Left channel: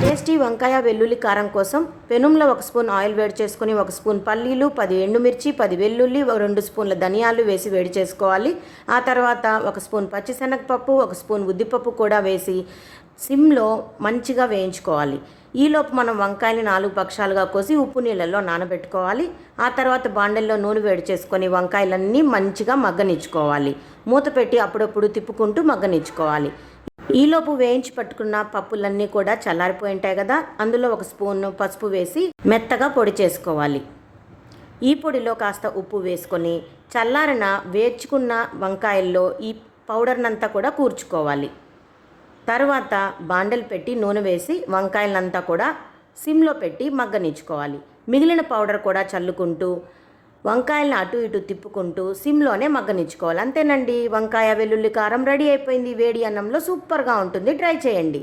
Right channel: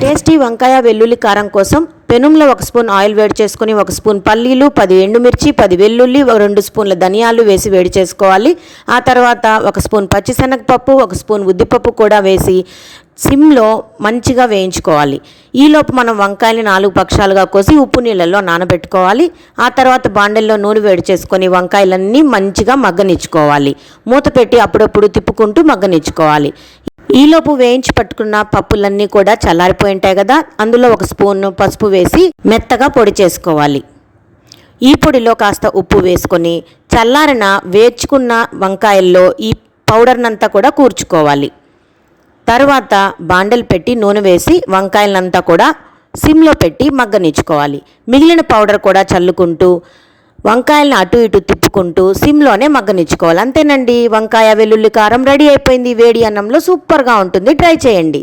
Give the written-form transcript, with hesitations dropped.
Tasty వంకాయ వెల్లుల్లి కారం కోసం పెనంలో 1 స్పూన్ ఆయిల్ వేడి చేసుకొని 1 స్పూన్ పల్లీలు, 10 ఎండుమిర్చి, 10 వెల్లుల్లి, 2 స్పూన్ల ధనియాలు వేసి వేడి చేసుకోవాలి. ఆ తర్వాత 1 స్పూన్ పచ్చిశనగపప్పు, 1 స్పూన్ ఉద్దిపప్పు కూడా వేసి సిమ్లో మంచిగా వేయించుకోవాలి. ఈలోపు మనం వంకాయని 4 పక్షాలుగా కోసి ఉప్పు నీళ్ళల్లో నానబెట్టుకోవాలి. ఆ తర్వాత బాండెల్లో నూనె వేడి చేసుకొని వంకాయలన్నీ మంచిగా మగ్గనిచ్చుకోవాలి. మూత పెట్టి అప్పుడప్పుడు తిప్పుకుంటూ మగ్గనిచ్చుకోవాలి. ఈలోపు వేయించి పట్టుకున్న పప్పులన్నీ కూడా చల్లారిపోయి ఉంటాయి కదా, అందులో 1 స్పూన్ పసుపు వేసి మెత్తగా పొడి చేసుకోవాలి. ఈ పొడిలో కాస్త ఉప్పు వేసుకొని చల్లారిన వేర్చుకున్న వంకాయల్లో ఈ పౌడర్నంతా కూడా కూర్చుకోవాలి. తర్వాత బాండెల్ పెట్టి నూనె వేసి వంకాయలంతా కూడా సిమ్లో పెట్టి మగ్గనిచ్చుకోవాలి. మిగిలిన పౌడర్ కూడా చల్లుకుంటూ వంకాయలను అటు ఇటు తిప్పుకుంటూ సిమ్లోనే మగ్గనిచ్చుకోవాలి. అంతేనండి, వంకాయ వెల్లుల్లి కారం రెడీ అయిపోయింది. వేడి అన్నంలో సూపర్గా ఉంటుంది, ట్రై చేయండి.